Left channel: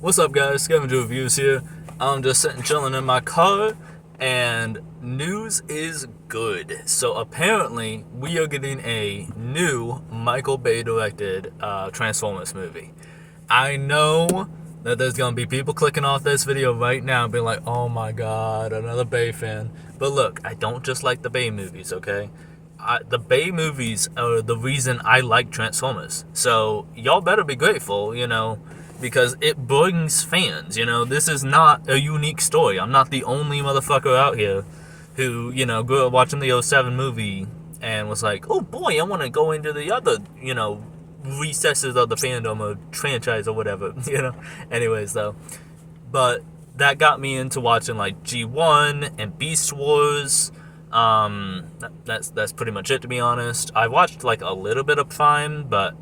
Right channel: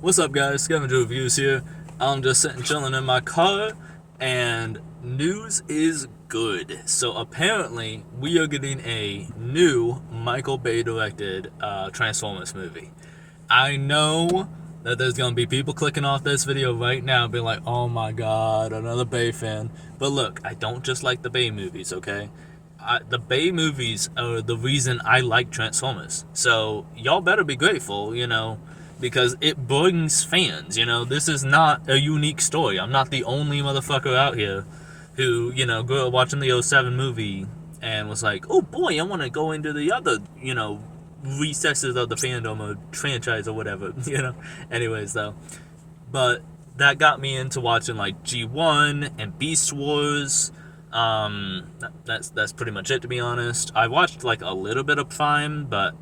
What's up, guys? Scavenger Reviews here. I'm just sitting chilling in my car, and news is good. So apparently, we are getting a new Michael Bay directed Transformers movie. I know that there's gonna be people clicking off this video right now, and being like, "Oh my God, another Bay fan." But look, I don't just like the Bay movies, okay? The Bay movies are the reason I like Transformers. So y'all better be grateful, because it brings fans. This is not a unique story. I'm not the only motherfucker out here who, grew up watching the '07 movie and was like, oh boy, I want to go into the other, recesses of the fandom or franchise or whatever, Anyways, though. But that got me into watching like G1 and Beast Wars. That's pretty much it, to be honest. I watched like a little bit of Prime, but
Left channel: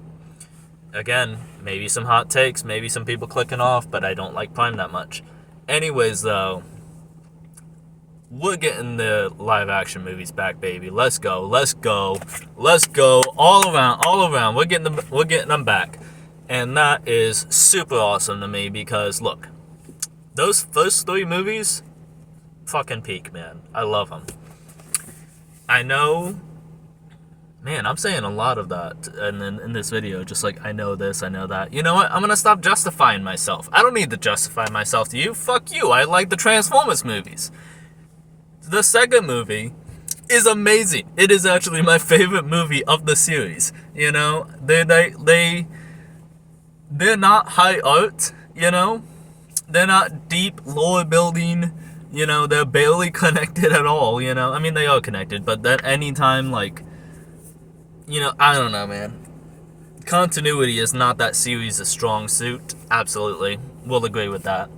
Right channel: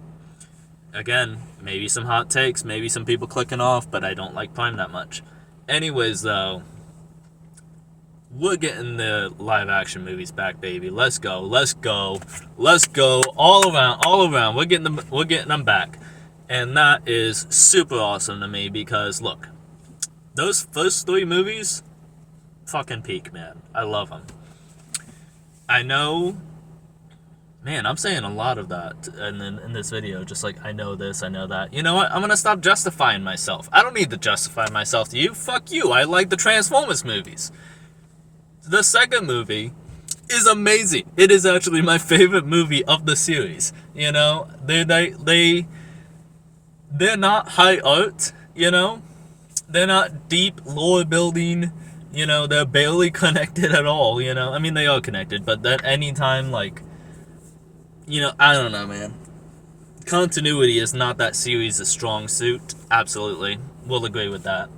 again, maybe some hot takes, maybe some people clicking off, but I don't like Prime that much. Anyways, though, we're getting the live action movies back, baby. Let's go, let's go, let's go, all around. We're getting them back, and that is super awesome to me because look, those first three movies, fucking peak, man. I love them. I know, man, I'm saying a lot of that in this video, just like, I know this, I know that. You know what? I'm gonna stop justifying myself. I don't need to justify myself to you. Fuck you. I like the Transformers movies. The second movie is amazing. It is actually my favorite movie of the series. They're not high art, They're not deep lore building. They're barely connected at all, I mean, they are connected, but at any time, like, I don't know, man. Continuity is not that series' strong suit. Absolutely. We'll agree with that.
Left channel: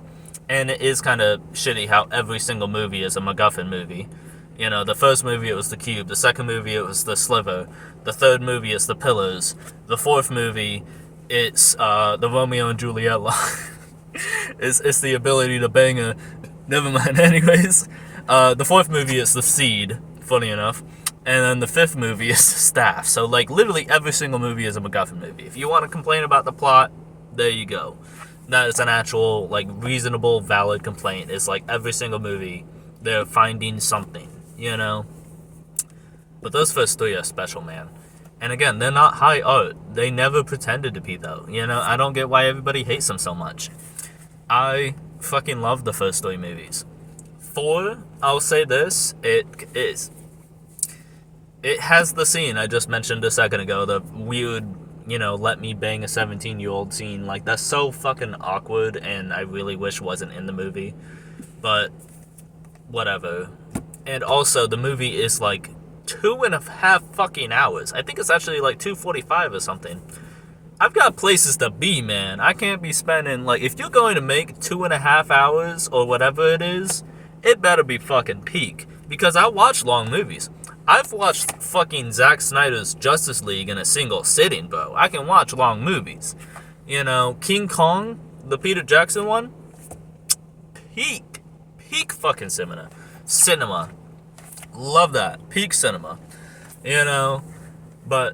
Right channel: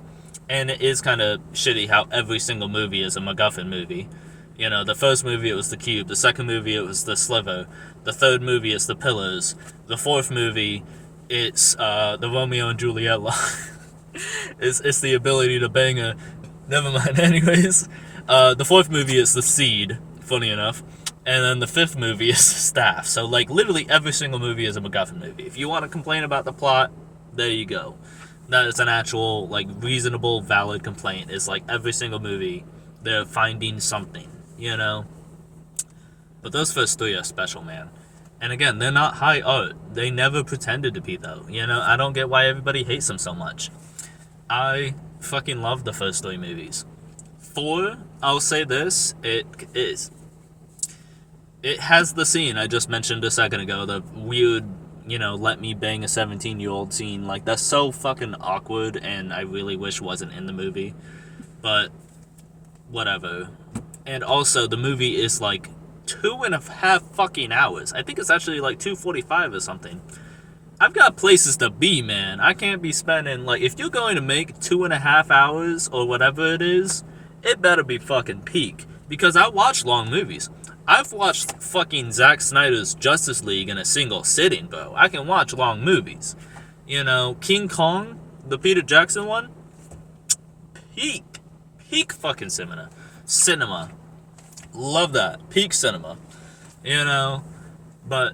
And it is kind of shitty how every single movie is a MacGuffin movie. The first movie, it was the cube. The second movie, it was the sliver. The third movie, it's the pillars. The fourth movie, it's the Romeo and Juliet line. it's the ability to bang a... Never mind, anyways. The fourth movie is the seed, funny enough. And then the fifth movie is the staff. So, like, literally every single movie is a MacGuffin movie. If you want to complain about the plot, there you go. That is an actual, like, reasonable, valid complaint. It's like every single movie, they're finding something, But those first three are special, man. And again, they're not high art. They never pretended to be, though. I don't get why everybody hates them so much. I fucking love the first three movies. 4, I'll say this, it has the scene I just mentioned a second ago, the weird, let me bang a 17-year-old scene. Like, that's so fucking awkward, and I really wish wasn't in the movie. But, whatever. And also, the movie is like 2.5 fucking hours. I think it's actually like 2:45 or something. I've got places to be, man. I can't be spending, like, if you're going to make 2.5 hours or whatever it is, it better be fucking peak. Because I watch long movies. I've watched fucking Zack Snyder's Justice League in a single sitting, bro. I can watch long movies. King Kong, the Peter Jackson one, peak fucking cinema. Love that. Peak cinema. But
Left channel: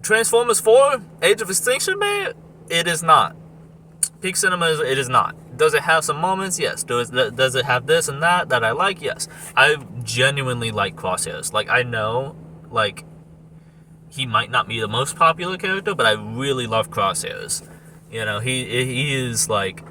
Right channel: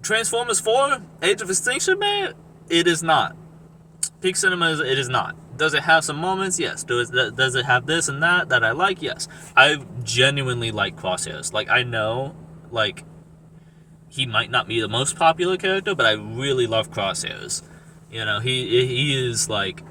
Transformers 4, Age of Extinction, man, it is not. Peak cinema, it is not. Does it have some moments? Yes. Does it have this and that I like? Yes. I genuinely like Crosshairs. Like, I know, like, he might not be the most popular character, but I really love Crosshairs. He is, like,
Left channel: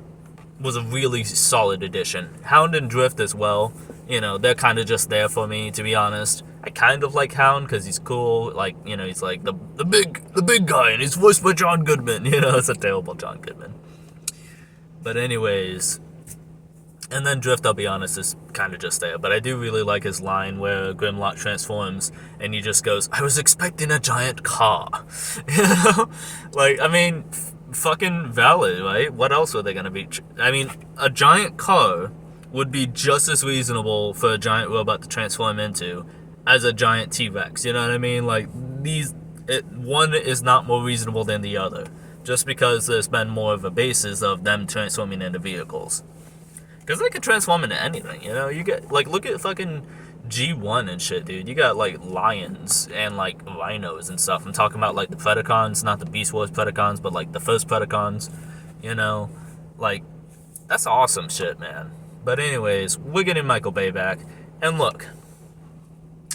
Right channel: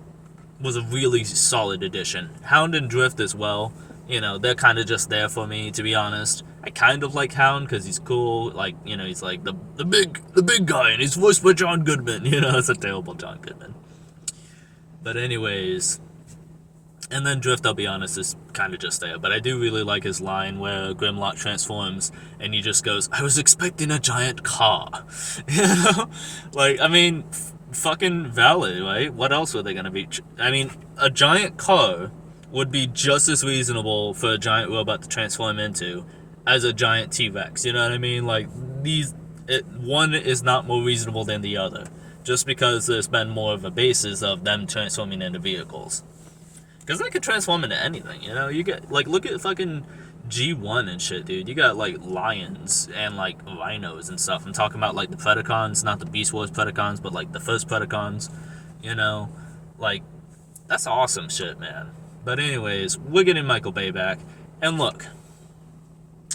was a really solid addition. Hound and Drift as well. They're kind of just there for me, to be honest. I kind of like Hound because he's cool. Like, he's like the big guy, and he's voiced by John Goodman. It's a terrible John Goodman. But anyways, and then Drift, I'll be honest, is kind of just there. But I do really like his line where Grimlock transforms and he just goes, I was expecting a giant car. Like, I mean, fucking valid, right? What else were they going to be? I mean, a giant car would be just as reasonable for a giant robot to transform into as a giant T-Rex. You know what I mean? Like, one is not more reasonable than the other. Just because there's been more of a basis of them transforming into vehicles. Because they could transform into anything, You get, like, look at fucking G1 and shit, dude. You got, like, lions and, like, rhinos and stuff. I'm talking about, like, the Predacons, not the Beast Wars Predacons, but, like, the first Predacons, Like, That's awesome shit, man. But anyways, we're getting Michael Bay back. And look,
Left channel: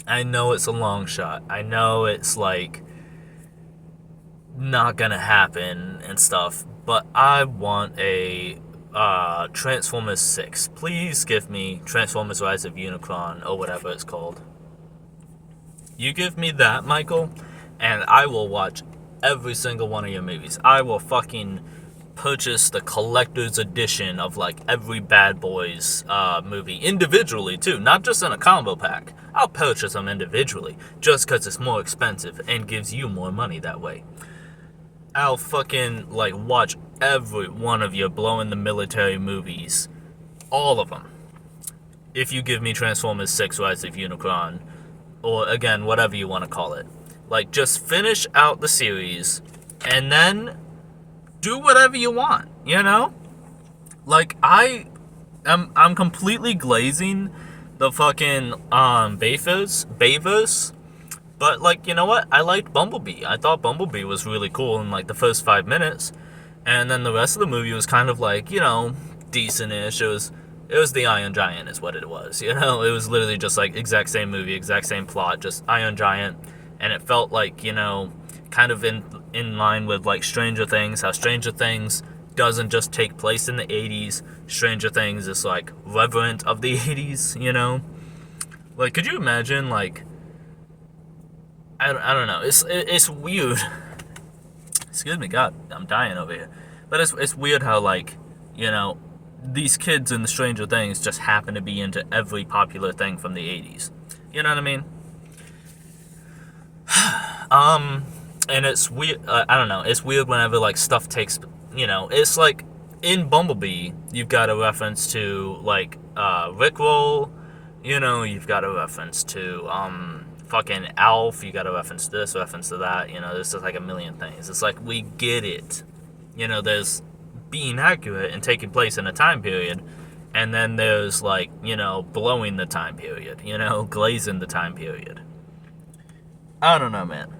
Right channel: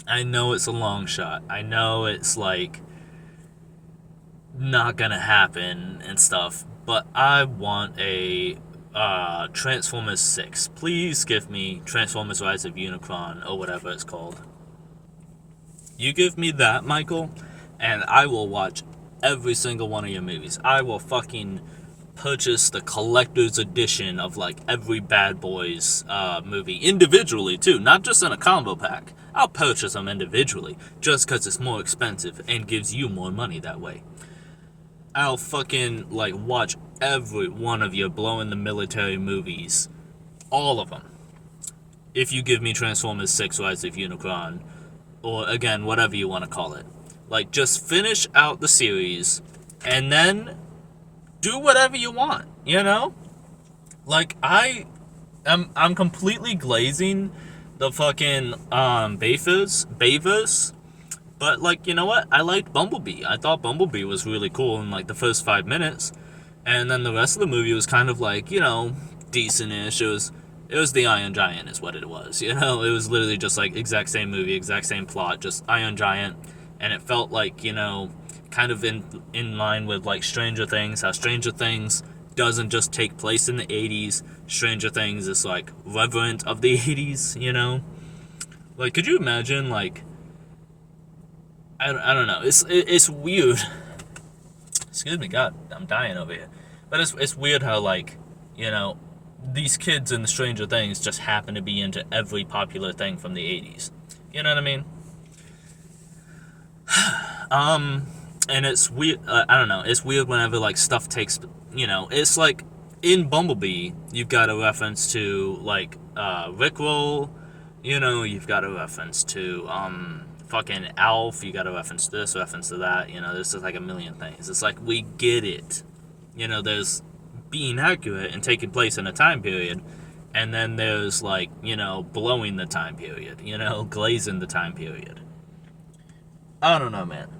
I know it's a long shot. I know it's like not gonna happen and stuff, but I want a Transformers 6. Please give me Transformers Rise of Unicron or whatever it's called. You give me that, Michael, and I will watch every single one of your movies. I will fucking purchase the collector's edition of like every Bad Boys movie individually too, not just in a combo pack. I'll purchase them individually just because it's more expensive and gives you more money that way. I'll fucking like watch every one of your blow in the military movies, all of them, if you give me Transformers 6 Rise of Unicron, or again, whatever you want to call it. Like, just finish out the series, and then do whatever you want, you know? Like, I'm completely glazing the fucking bayverse, but like, you know what? I liked Bumblebee. I thought Bumblebee was really cool in like the first 5 minutes, and then the rest of the movie was kind of like, you know, decent-ish. It was the Iron Giant is what it was, you know? It was literally just like exact same movie, exact same plot, just Iron Giant, and it felt like, you know, kind of in line with like Stranger Things, how Stranger Things doesn't just take place in the 80s. Stranger Things is like reverent of the 80s, you know? Like, could you imagine, like, I don't know. It's weird. Excuse me, God, I'm dying over here. But it's weird how, like, you know, these kids in the Stranger Things just happen to be into every popular thing from the 80s. You know what I mean? And it's weird. I don't know. It's weird whenever like stuff takes. You know, it's like in Bumblebee, you've got a reference to like Rickroll. You know, you've got a reference to fucking Alf. You got a reference to this, reference to that. You know, there's just like a million things. It's like we get it. You know, there's being accurate and taking place in a time period, and then there's like, you know, blowing the time period. You know, glazing the time period. I don't know, man.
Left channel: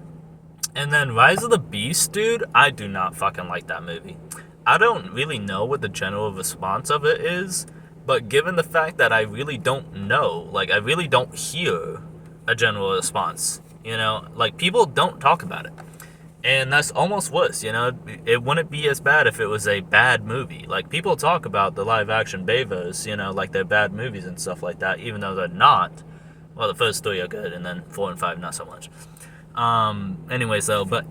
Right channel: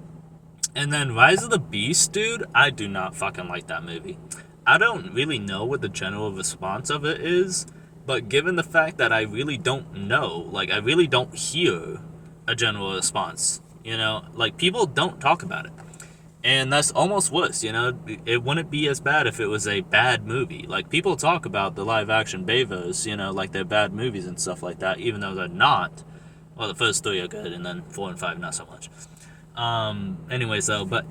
And then Rise of the Beast, dude, I do not fucking like that movie. I don't really know what the general response of it is, but given the fact that I really don't know, like, I really don't hear a general response, you know? Like, people don't talk about it. And that's almost worse, you know? It wouldn't be as bad if it was a bad movie. Like, people talk about the live-action bayverse, you know, like they're bad movies and stuff like that, even though they're not. Well, the first 3 are good, and then 4 and 5 not so much. Anyways, though, but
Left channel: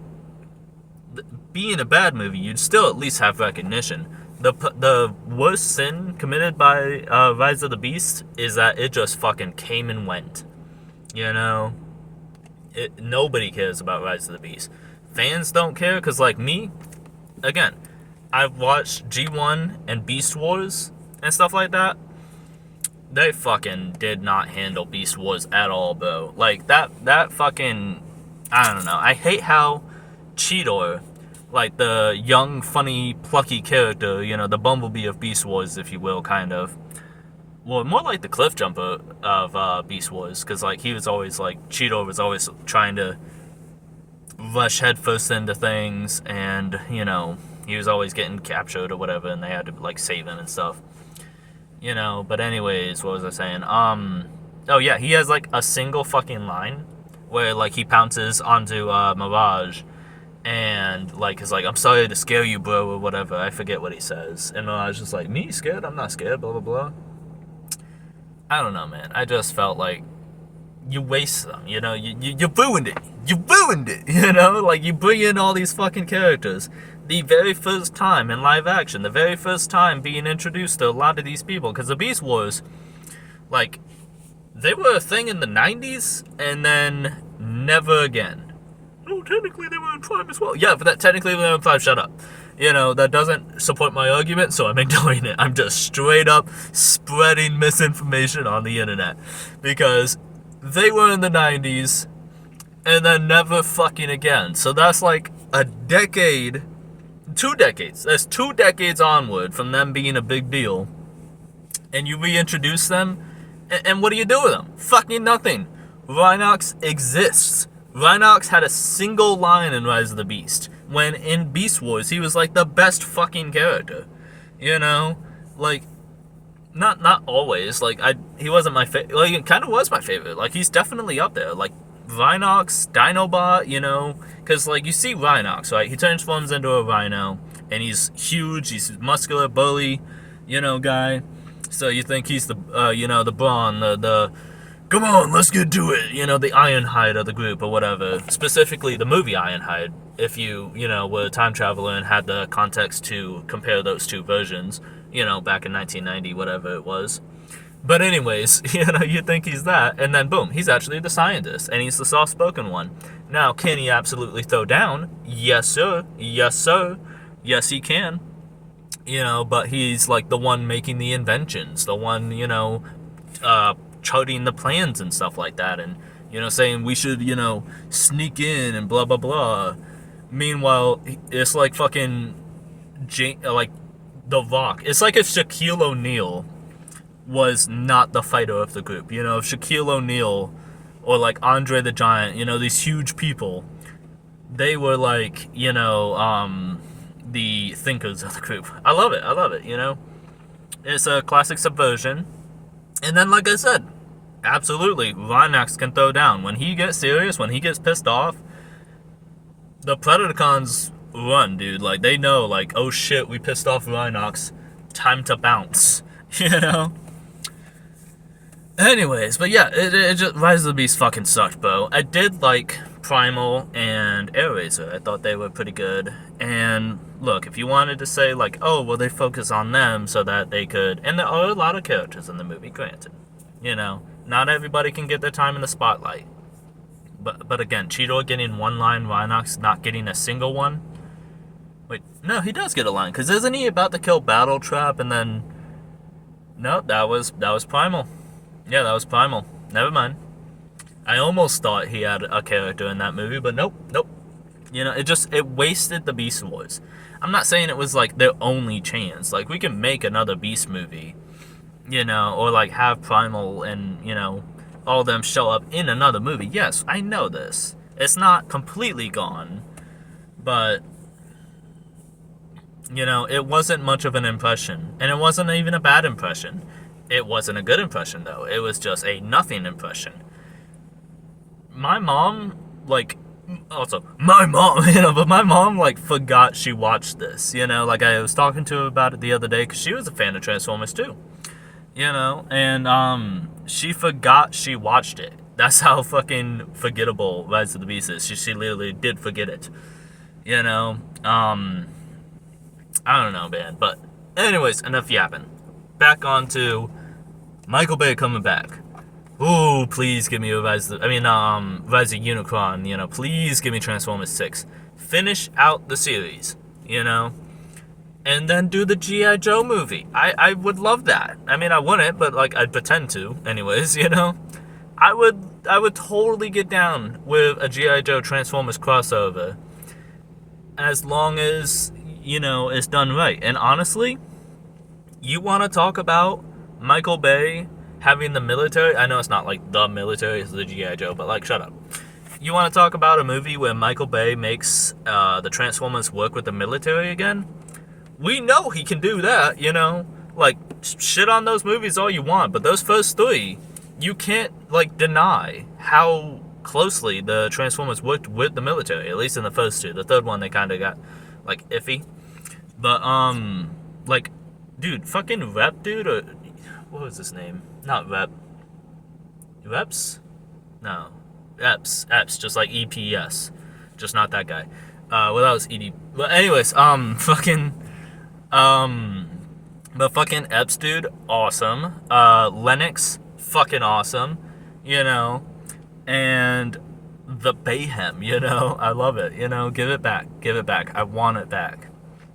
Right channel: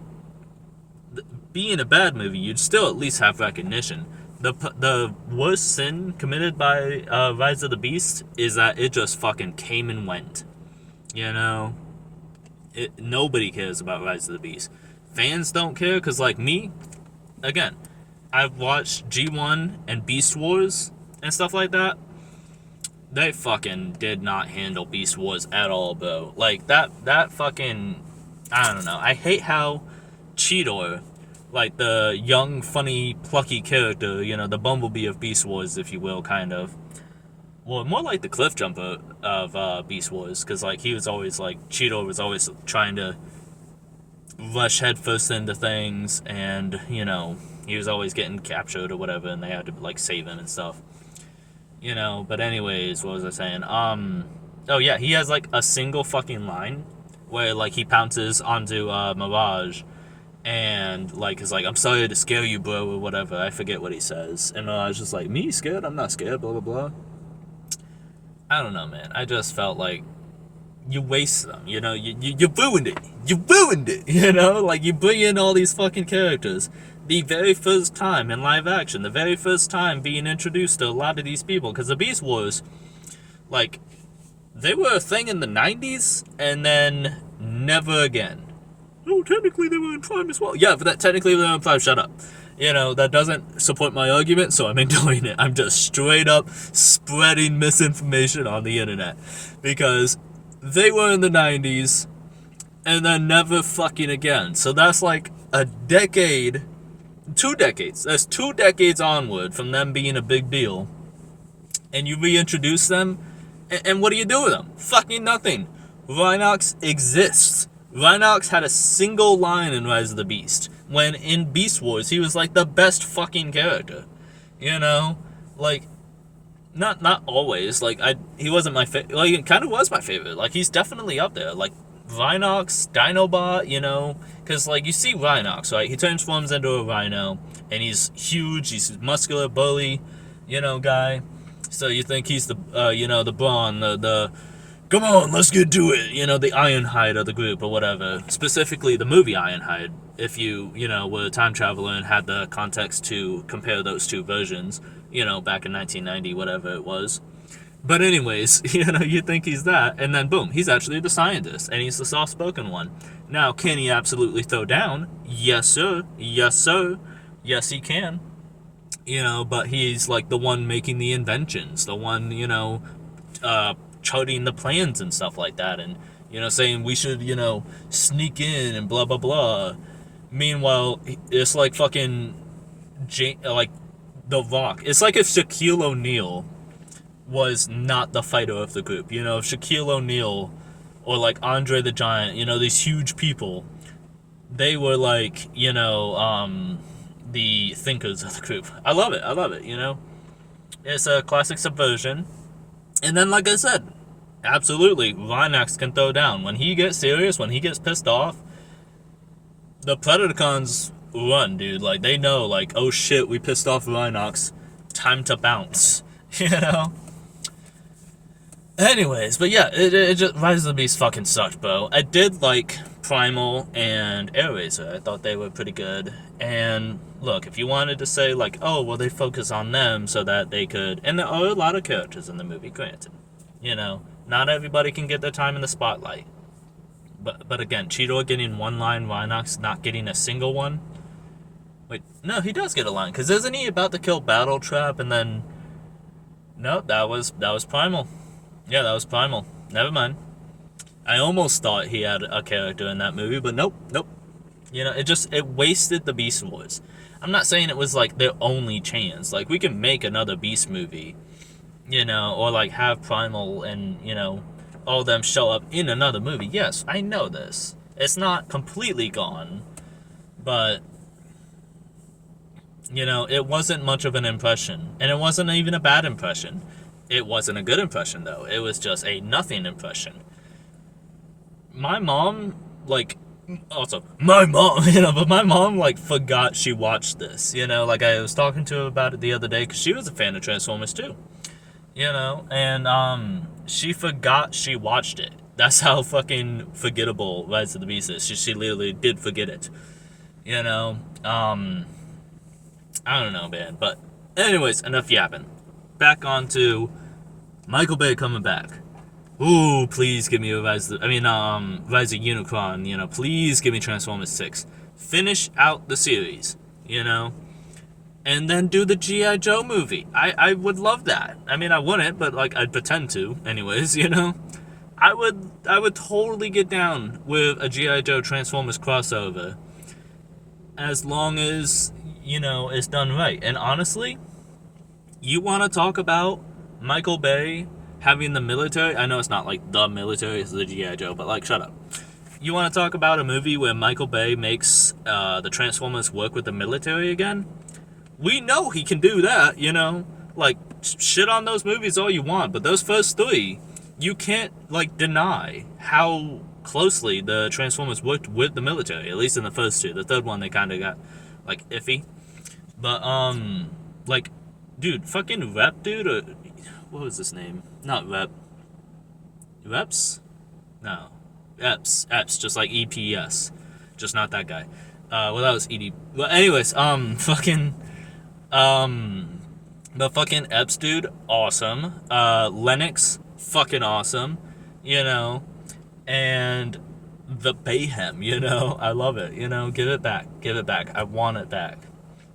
being a bad movie, you'd still at least have recognition. The worst sin committed by Rise of the Beast is that it just fucking came and went. You know? Nobody cares about Rise of the Beast. Fans don't care, because, like, me, again, I've watched G1 and Beast Wars and stuff like that. They fucking did not handle Beast Wars at all, bro. Like, that fucking... I don't know. I hate how Cheetor, like the young, funny, plucky character, you know, the Bumblebee of Beast Wars, if you will, kind of. Well, more like the Cliff Jumper of Beast Wars, because, like, he was always, like, Cheetor was always trying to rush headfirst into things, and, you know, he was always getting captured or whatever, and they had to, like, save him and stuff. You know, but anyways, what was I saying? Oh, yeah, he has, like, a single fucking line where, like, he pounces onto Mirage, and, like, is like, I'm sorry to scare you, bro, or whatever. I forget what he says. And Mirage is like, me scared? I'm not scared, blah, blah, blah. I don't know, man. I just felt like you waste them, you know? You ruined it. You ruined it, you know? Like, you bring in all these fucking characters. The very first time in live action, the very first time being introduced to a lot of these people. Because the Beast Wars, like... they were a thing in the 90s, and then never again. Oh, technically they were in Prime as well. Yeah, but that technically they were in Prime, shut up. You know, that doesn't support my argument, so I'm ignoring it. I'm just straight up spreading misinformation on the internet. Because they were in the 90s, and then never fucking again. So that's like a decade, 2 decades. That's 2 decades onward from them being a big deal. And you reintroduce them, and what do you do with them? Fucking nothing. Rhinox exists. Rhinox had a single line in Rise of the Beast, when in Beast Wars he was like the best fucking character. You know? like, not always. Like, he wasn't my favorite. Like, it kind of was my favorite. Like, he's definitely up there. Like, Rhinox, Dinobot, you know? Because, like, you see Rhinox, right? He transforms into a rhino, and he's huge. He's a muscular, bully, you know, guy. So you think he's the, you know, the brawn, the come on, let's get to it, you know, the Ironhide of the group or whatever. Specifically, the movie Ironhide, if you know, were a time traveler and had the context to compare those two versions, you know, back in 1990, whatever it was. But anyways, you know, you think he's that, and then boom, he's actually the scientist, and he's the soft-spoken one. Now, can he absolutely throw down? Yes, sir. Yes, sir. Yes, he can. You know, but he's like the one making the inventions, the one, you know, charting the plans and stuff like that, and, you know, saying we should, you know, sneak in and blah, blah, blah. Meanwhile, it's like fucking, like, The Rock. It's like if Shaquille O'Neal was not the fighter of the group. You know, if Shaquille O'Neal or like Andre the Giant, you know, these huge people, they were like, you know, the thinkers of the group. I love it, you know. It's a classic subversion. And then, like I said, absolutely, Rhinox can throw down. When he gets serious, when he gets pissed off, the Predacons run, dude. Like, they know, like, oh shit, we pissed off Rhinox. Time to bounce. You know? Anyways, but yeah, it just, Rise of the Beast fucking sucked, bro. I did like Primal and Airraiser. I thought they were pretty good. And look, if you wanted to say like, oh, well, they focus on them so that they could, and there are a lot of characters in the movie, granted. You know, not everybody can get their time in the spotlight. But again, Cheetor getting one line, Rhinox not getting a single one. Wait, no, he does get a line, because isn't he about to kill Battle Trap and then... No, that was Primal. Yeah, that was Primal. Never mind. I almost thought he had a character in that movie, but nope. You know, it wasted the Beast Wars. I'm not saying it was like their only chance. Like, we can make another Beast movie, you know, or like have Primal and, you know, all of them show up in another movie. Yes, I know this. It's not completely gone, but, you know, it wasn't much of an impression, and it wasn't even a bad impression. It wasn't a good impression, though. It was just a nothing impression. My mom, like, also, my mom, you know, but my mom, like, forgot she watched this, you know? Like, I was talking to her about it the other day, because she was a fan of Transformers, too. You know? And, she forgot she watched it. That's how fucking forgettable Rise of the Beast is. She literally did forget it. You know? I don't know, man. But, anyways, enough yapping. Back on to Michael Bay coming back. Ooh, please give me a Rise of Unicron, you know, please give me Transformers 6. Finish out the series, you know, and then do the G.I. Joe movie. I would love that. I mean, I wouldn't, but, like, I'd pretend to, anyways, you know. I would totally get down with a G.I. Joe Transformers crossover, as long as, you know, it's done right. And honestly, you want to talk about Michael Bay having the military? I know it's not like the military, it's the G.I. Joe, but like, shut up. You want to talk about a movie where Michael Bay makes the Transformers work with the military again? We know he can do that, you know? Like, shit on those movies all you want, but those first three, you can't, like, deny how closely the Transformers worked with the military, at least in the first two. The third one, they kind of got, like, iffy. But, like, dude, fucking Rep, dude, or what was his name? Not Rep. Reps? No. Eps, just like EPS. Just not that guy. Well, that was ED. But anyways, but fucking Eps, dude, awesome. Lennox, fucking awesome. You know, and the Bayhem, you know, I love it. You know, give it back. I want it back.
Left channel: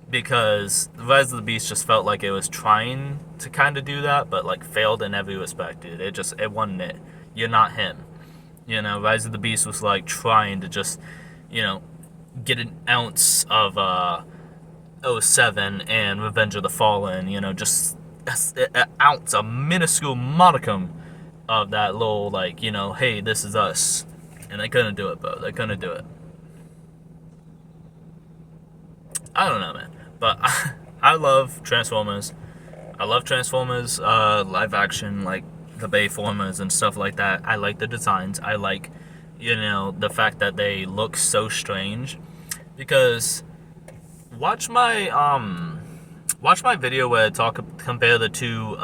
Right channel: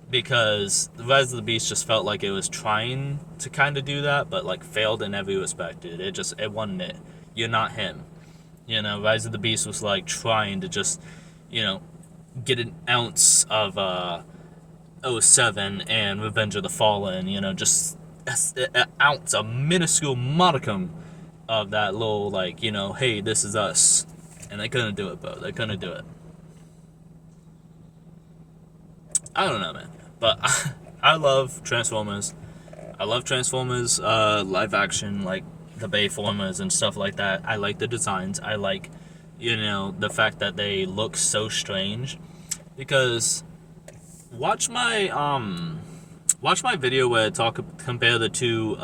Because the Rise of the Beast just felt like it was trying to kind of do that, but like failed in every respect, dude. It wasn't it. You're not him. You know, Rise of the Beast was like trying to just, you know, get an ounce of '07 and Revenge of the Fallen, you know, just an ounce, a minuscule modicum of that little, like, you know, hey, this is us. And they couldn't do it, bro. They couldn't do it. I don't know, man. But I love Transformers. I love Transformers, live action, like the Bayformers and stuff like that. I like the designs. I like, the fact that they look so strange. Because watch my video where I compare the two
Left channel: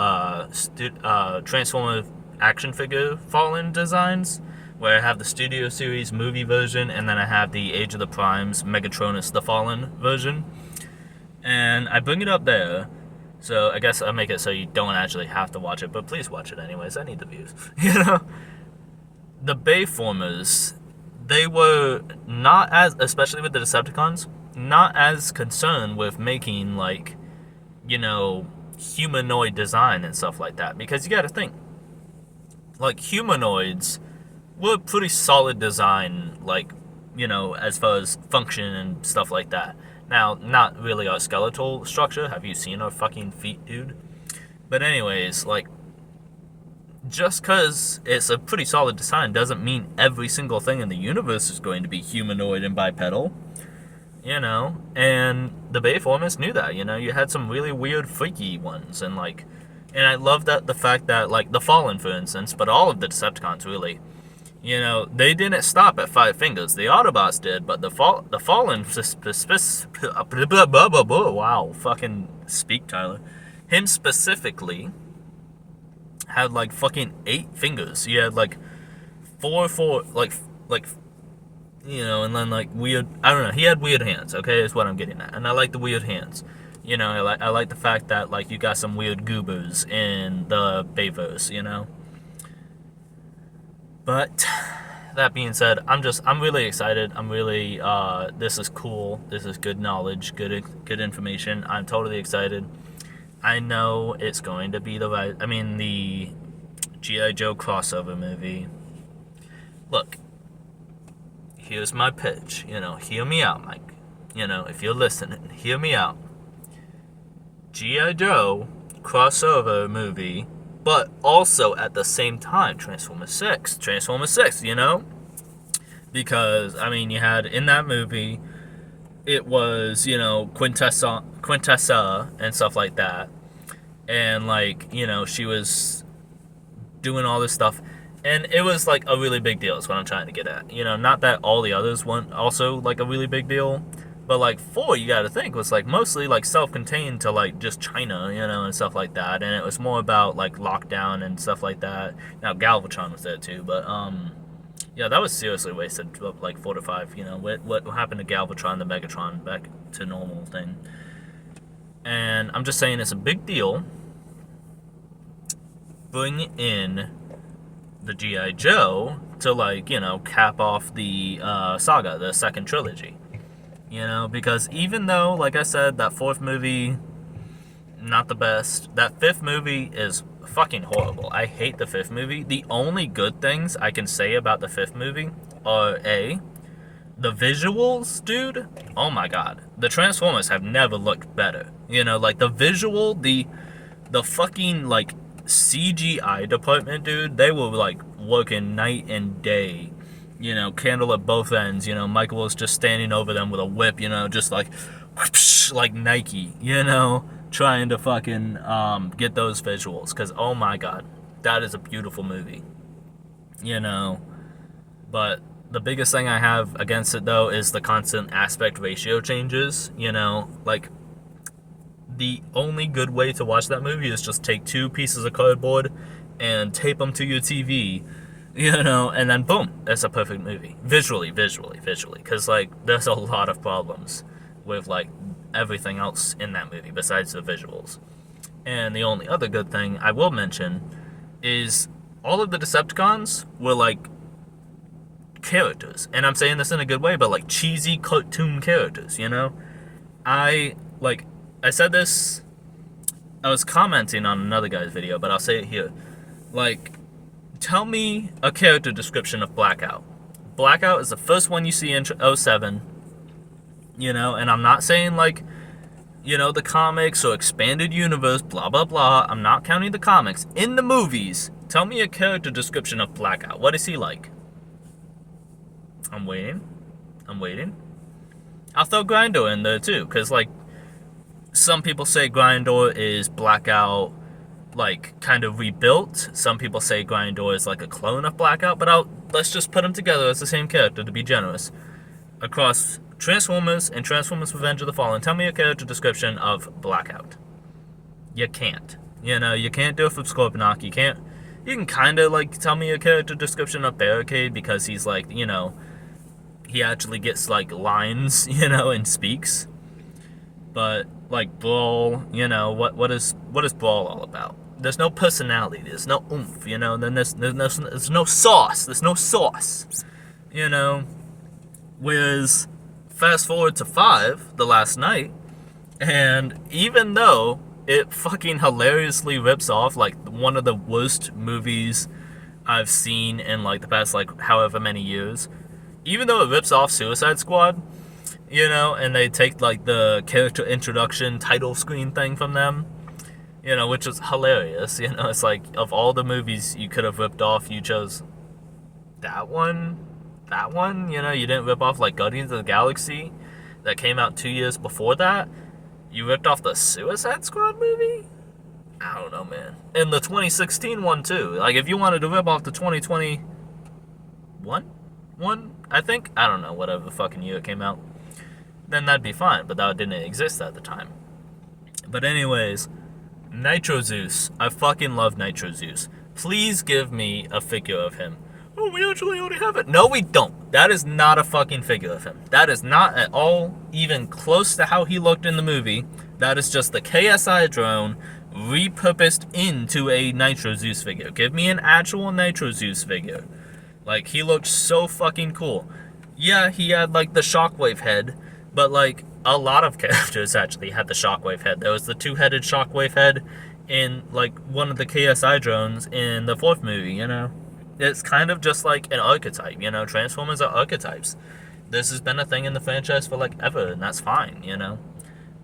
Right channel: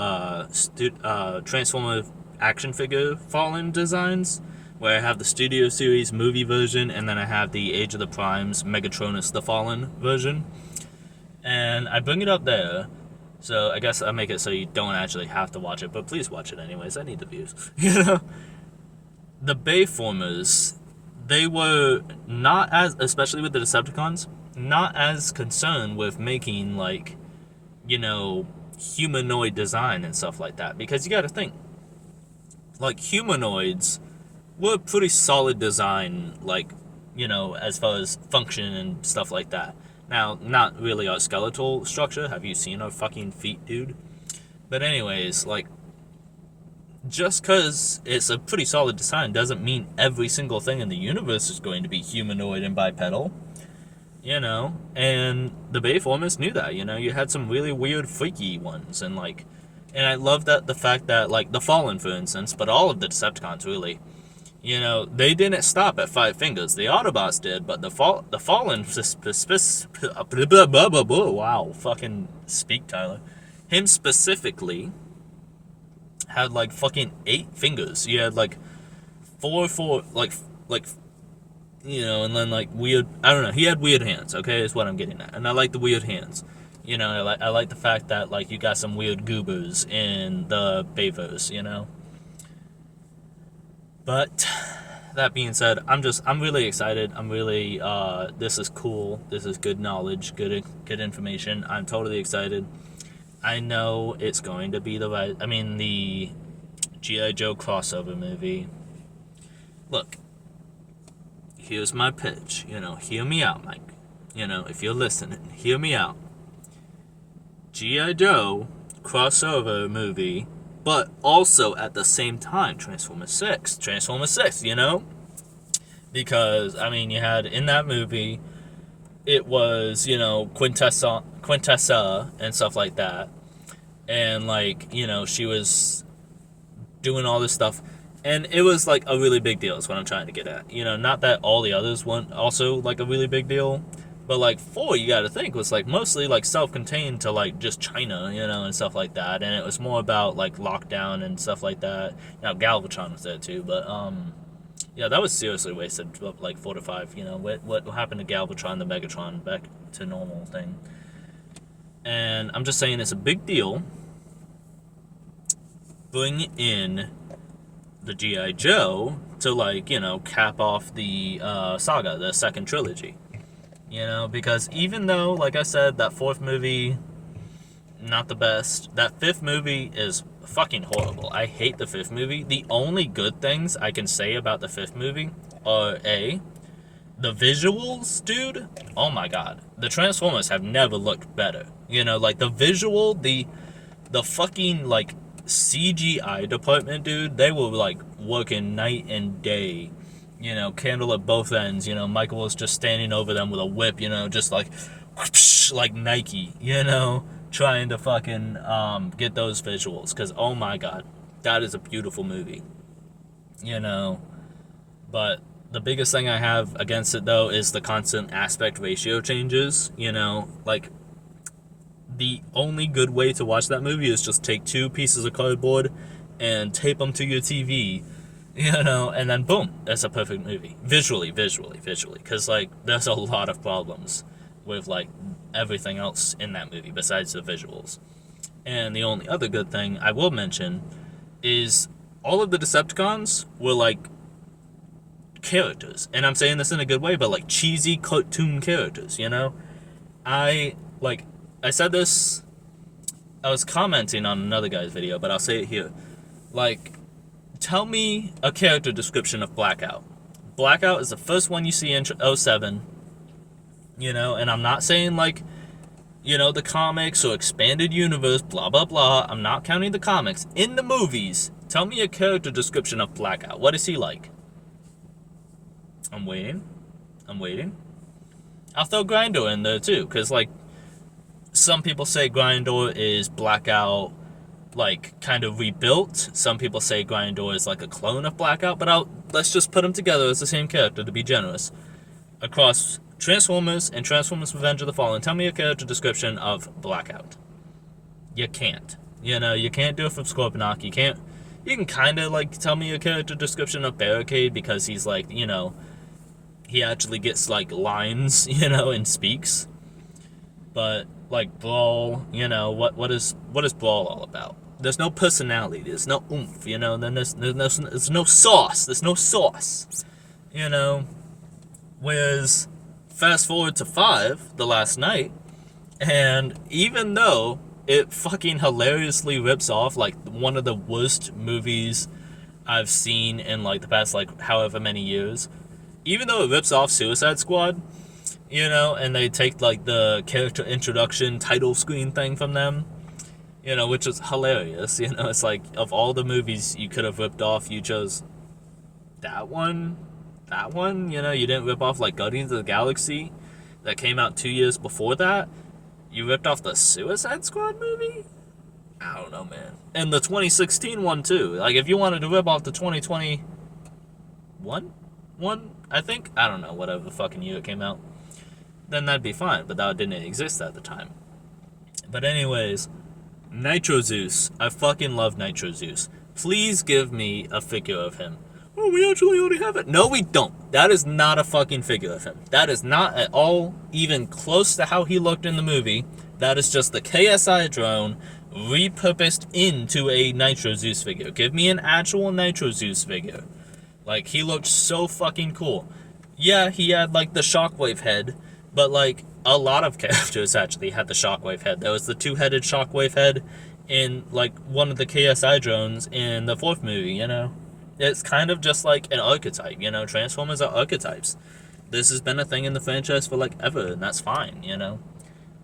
Transformer action figure Fallen designs, where I have the Studio Series movie version, and then I have the Age of the Primes Megatronus the Fallen version. And I bring it up there, so I guess I make it so you don't actually have to watch it, but please watch it anyways. I need the views. The Bayformers, they were not as, especially with the Decepticons, not as concerned with making, like, humanoid design and stuff like that. Because you gotta think, like, humanoids were pretty solid design, like, as far as function and stuff like that. Now, not really our skeletal structure. Have you seen our fucking feet, dude? But anyways, like, just because it's a pretty solid design doesn't mean every single thing in the universe is going to be humanoid and bipedal. And the Bayformers knew that, you had some really weird, freaky ones, and I love that the fact that, like, the Fallen, for instance, but all of the Decepticons, really, they didn't stop at 5 fingers. The Autobots did, but the Fallen, wow, fucking speak, Tyler. Him specifically had, like, fucking 8 fingers. He had, like, four, like, and then, like, weird, I don't know, he had weird hands, okay, is what I'm getting at, and I like the weird hands. I like the fact that, like, you got some weird goobers in the bayverse, But that being said, I'm really excited. I'm really, this is cool. This is good knowledge, good information. I'm totally excited. I know it's going to be the G.I. Joe crossover movie. Look, here's my pitch. Hear me out, Mike. If you're listening, hear me out. G.I. Joe crossover movie, but also at the same time Transformers 6, because you had in that movie, it was Quintessa and stuff like that, and she was doing all this stuff, and it was like a really big deal is what I'm trying to get at. Not that all the others weren't also like a really big deal, but like 4, you got to think, was like mostly like self-contained to like just China, and stuff like that, and it was more about like lockdown and stuff like that. Now Galvatron was there too, but yeah, that was seriously wasted, like 4 to 5. What happened to Galvatron, the Megatron, back to normal thing. And I'm just saying it's a big deal. Bring in the G.I. Joe to, like, cap off the saga, the second trilogy. Because even though, like I said, that 4th movie, not the best. That 5th movie is fucking horrible. I hate the 5th movie. The only good things I can say about the 5th movie are the visuals, dude. Oh my god. The Transformers have never looked better. Like the visual, the fucking, like, CGI department, dude, they were like working night and day, candle at both ends. Michael was just standing over them with a whip, just like whoosh, like Nike, trying to fucking get those visuals, because oh my god, that is a beautiful movie. But the biggest thing I have against it, though, is the constant aspect ratio changes. Like, the only good way to watch that movie is just take 2 pieces of cardboard and tape them to your TV, and then boom, that's a perfect movie. Visually, because, like, there's a lot of problems with, like, everything else in that movie besides the visuals. And the only other good thing I will mention is all of the Decepticons were, like, characters. And I'm saying this in a good way, but, like, cheesy cartoon characters, I said this, I was commenting on another guy's video, but I'll say it here. Like, tell me a character description of Blackout. Blackout is the first one you see in 07, and I'm not saying, like, the comics or expanded universe, blah, blah, blah. I'm not counting the comics. In the movies, tell me a character description of Blackout. What is he like? I'm waiting. I'll throw Grinder in there, too, because, like, some people say Grindor is Blackout, like, kind of rebuilt. Some people say Grindor is like a clone of Blackout, but let's just put them together as the same character to be generous. Across Transformers and Transformers Revenge of the Fallen, tell me a character description of Blackout. You can't. You can't do it from Scorponok. You can kind of, like, tell me a character description of Barricade because he's, like, he actually gets, like, lines, and speaks. But, like, Brawl, what is Brawl all about? There's no personality. There's no oomph, Then there's no sauce. There's no sauce, Whereas, fast forward to 5, The Last Night, and even though it fucking hilariously rips off, like, one of the worst movies I've seen in, like, the past, like, however many years, even though it rips off Suicide Squad, and they take, like, the character introduction title screen thing from them, which is hilarious, it's like, of all the movies you could have ripped off, you chose that one, you didn't rip off, like, Guardians of the Galaxy that came out 2 years before that. You ripped off the Suicide Squad movie? I don't know, man. And the 2016 one, too. Like, if you wanted to rip off the 2021 one, I think, I don't know, whatever the fucking year it came out, then that'd be fine, but that didn't exist at the time. But anyways, Nitro Zeus. I fucking love Nitro Zeus. Please give me a figure of him. Oh, we actually already have it. No, we don't. That is not a fucking figure of him. That is not at all even close to how he looked in the movie. That is just the KSI drone repurposed into a Nitro Zeus figure. Give me an actual Nitro Zeus figure. Like, he looked so fucking cool. Yeah, he had, like, the Shockwave head, but, like, a lot of characters actually had the Shockwave head. There was the two-headed Shockwave head in, like, one of the KSI drones in the 4th movie, It's kind of just like an archetype, Transformers are archetypes. This has been a thing in the franchise for, like, ever, and that's fine,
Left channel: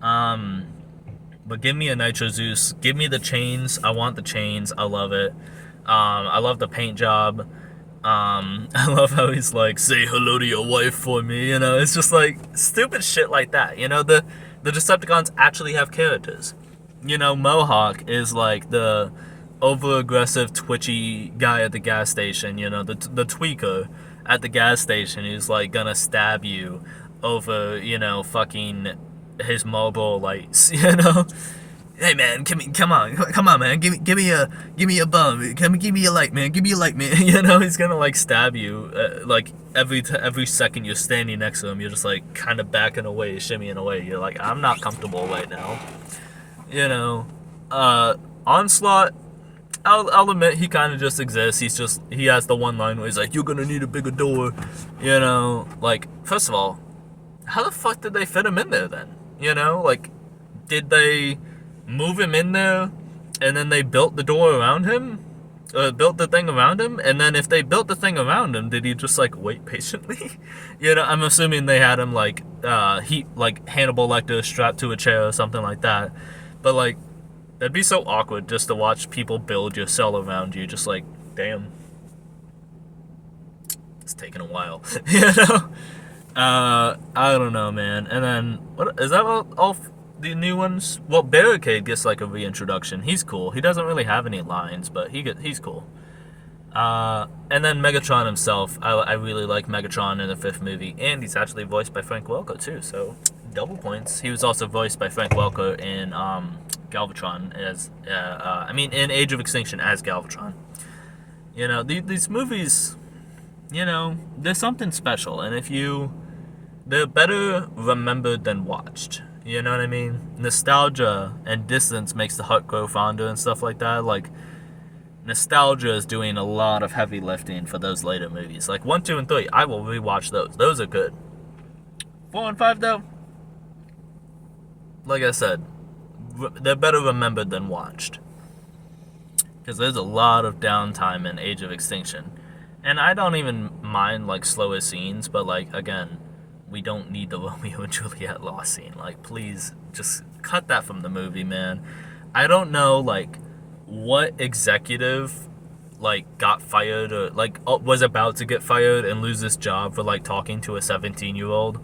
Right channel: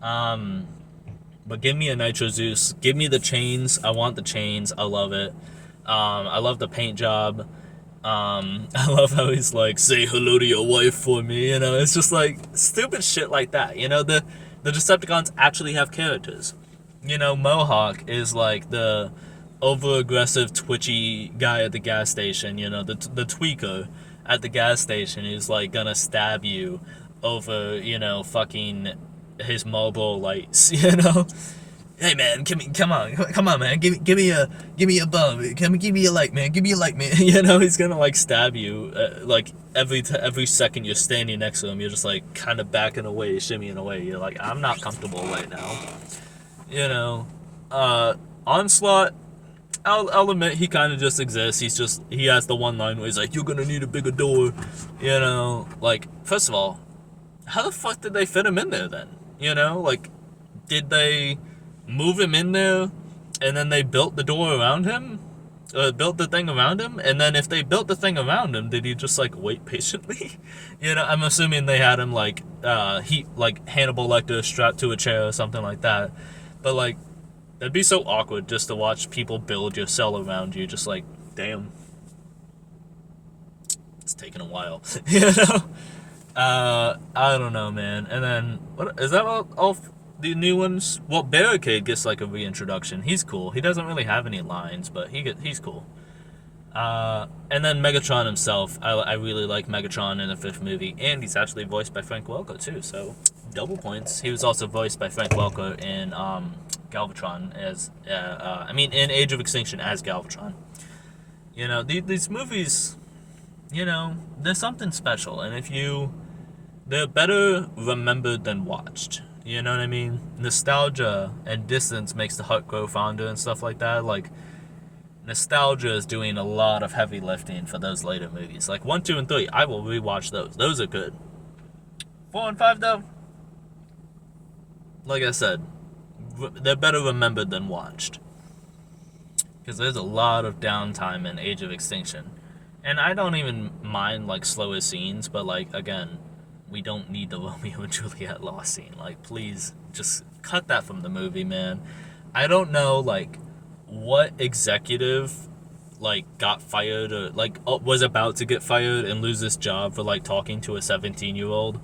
But give me a Nitro Zeus. Give me the chains. I want the chains. I love it. I love the paint job. I love how he's like, say hello to your wife for me, It's just, like, stupid shit like that, The Decepticons actually have characters. Mohawk is, like, the over-aggressive, twitchy guy at the gas station, the tweaker at the gas station who's, like, gonna stab you over, fucking his Marlboro lights, Hey, man, come on, man, give me a bum, give me a light, man, he's gonna, like, stab you, like, every second you're standing next to him, you're just, like, kind of backing away, shimmying away, you're like, I'm not comfortable right now, Onslaught, I'll admit he kind of just exists. He has the one line where he's like, you're gonna need a bigger door, like, first of all, how the fuck did they fit him in there then, like, did they move him in there and then they built the door around him, built the thing around him, and then if they built the thing around him, did he just, like, wait patiently? I'm assuming they had him, like, like Hannibal Lecter strapped to a chair or something like that, but, like, that'd be so awkward just to watch people build your cell around you, just like, damn. It's taking a while, I don't know, man. And then, what is that all the new ones? Well, Barricade gets, like, a reintroduction. He's cool. He doesn't really have any lines, but he's cool. And then Megatron himself. I really like Megatron in the 5th movie, and he's actually voiced by Frank Welker, too, so double points. He was also voiced by Frank Welker in, Galvatron as, in Age of Extinction as Galvatron. These movies, there's something special, and they're better remembered than watched. You know what I mean? Nostalgia and distance makes the heart grow fonder and stuff like that. Like, nostalgia is doing a lot of heavy lifting for those later movies. Like, 1, 2, and 3, I will rewatch those. Those are good. 4 and 5, though, like I said, they're better remembered than watched. Because there's a lot of downtime in Age of Extinction. And I don't even mind, like, slower scenes, but, like, again, we don't need the Romeo and Juliet lost scene. Like, please, just cut that from the movie, man. I don't know, like, what executive, like, got fired or, like, was about to get fired and lose his job for, like, talking to a 17-year-old.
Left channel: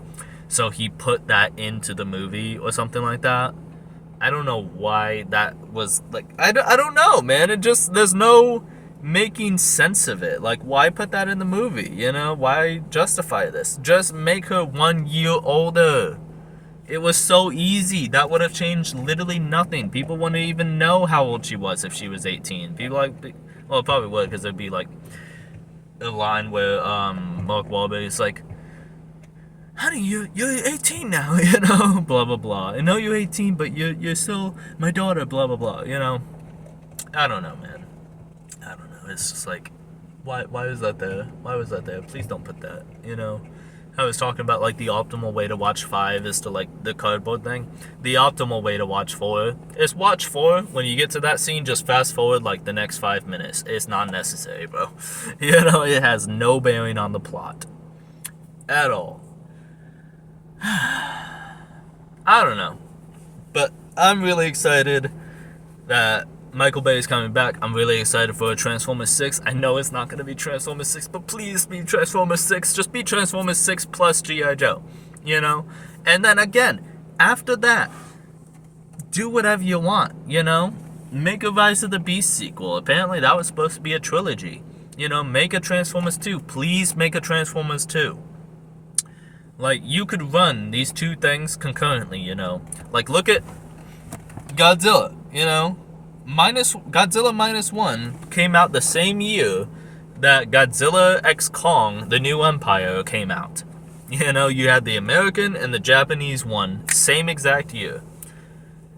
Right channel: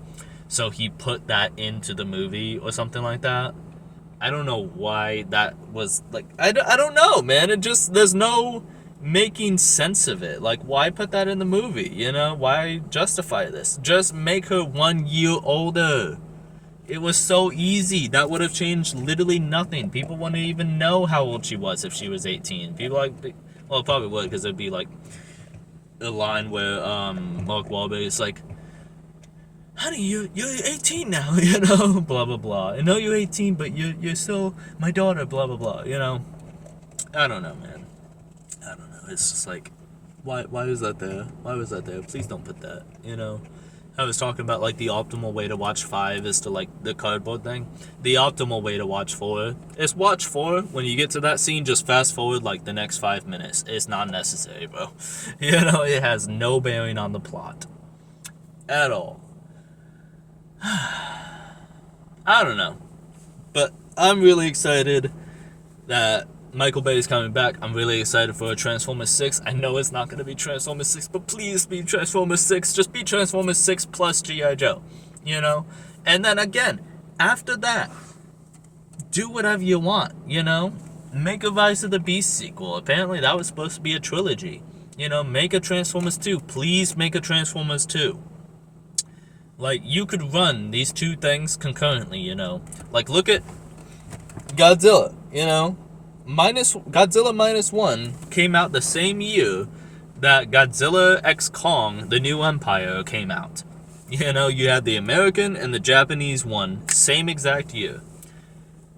So he put that into the movie or something like that. I don't know why that was, like, I don't know, man. It just, there's no making sense of it. Like, why put that in the movie, you know? Why justify this? Just make her 1 year older. It was so easy. That would have changed literally nothing. People wouldn't even know how old she was if she was 18. People like, well, it probably would, because it'd be like a line where Mark Wahlberg is like, honey, you're 18 now, you know, blah blah blah. I know you're 18, but you're still my daughter, blah blah blah. You know, I don't know, man. I don't know. It's just like, why is that there? Why was that there? Please don't put that. You know, I was talking about like the optimal way to watch 5 is to like the cardboard thing. The optimal way to watch 4 is watch 4. When you get to that scene, just fast forward like the next 5 minutes. It's not necessary, bro. You know, it has no bearing on the plot at all. I don't know, but I'm really excited that Michael Bay is coming back. I'm really excited for Transformers 6. I know it's not going to be Transformers 6, but please be Transformers 6. Just be Transformers 6 plus G.I. Joe, you know? And then again, after that, do whatever you want, you know? Make a Rise of the Beast sequel. Apparently that was supposed to be a trilogy. You know, make a Transformers 2. Please make a Transformers 2. Like, you could run these two things concurrently, you know? Like, look at Godzilla, you know? Godzilla Minus One came out the same year that Godzilla X Kong, The New Empire, came out. You know, you had the American and the Japanese one, same exact year.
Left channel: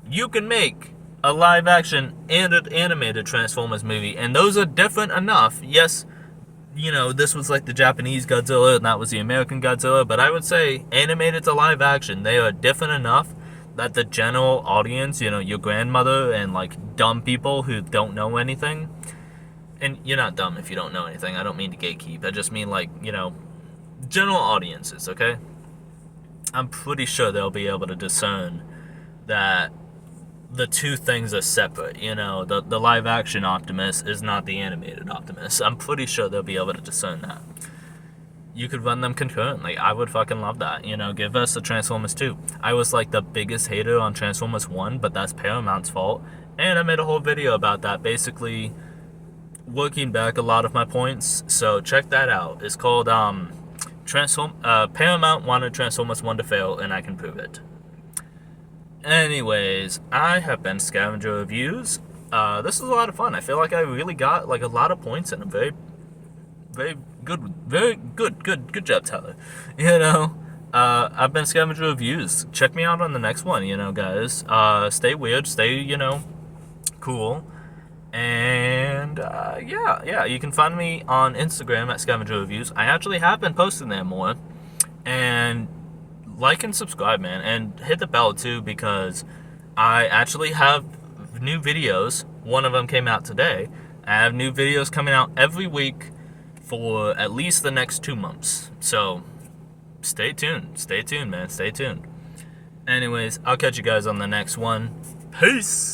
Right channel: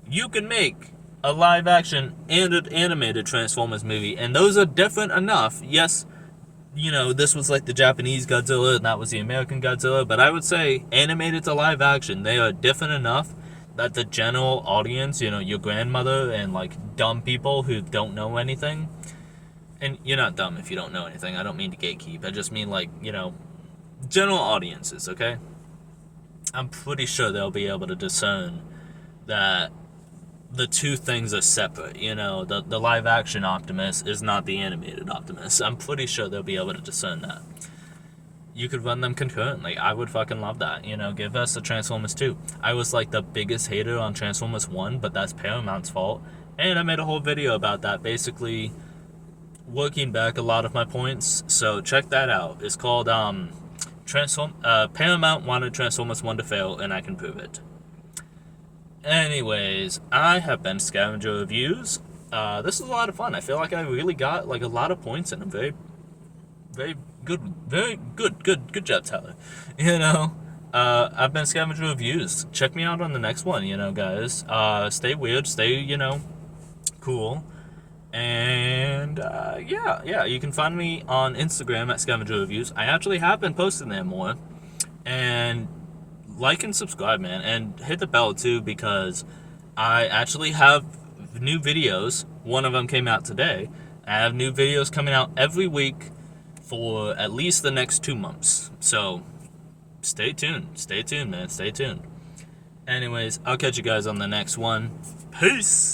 You can make a live-action and an animated Transformers movie, and those are different enough. Yes, you know, this was like the Japanese Godzilla and that was the American Godzilla, but I would say animated to live action, they are different enough that the general audience, you know, your grandmother and like dumb people who don't know anything, and you're not dumb if you don't know anything, I don't mean to gatekeep, I just mean like, you know, general audiences, okay? I'm pretty sure they'll be able to discern that the two things are separate, you know, the live action Optimus is not the animated Optimus. I'm pretty sure they'll be able to discern that. You could run them concurrently. I would fucking love that, you know, give us a Transformers 2. I was like the biggest hater on Transformers 1, but that's Paramount's fault, and I made a whole video about that, basically working back a lot of my points, so check that out. It's called Paramount wanted Transformers 1 to fail, and I can prove it. Anyways, I have been Scavenger Reviews. This is a lot of fun. I feel like I really got like a lot of points in a very good job, Tyler. You know, I've been Scavenger Reviews. Check me out on the next one, you know, guys. Stay weird, stay, you know, cool. And yeah, you can find me on Instagram at Scavenger Reviews. I actually have been posting there more. And like and subscribe, man, and hit the bell too, because I actually have new videos. One of them came out today. I have new videos coming out every week for at least the next 2 months. So stay tuned, man, stay tuned. Anyways, I'll catch you guys on the next one. Peace.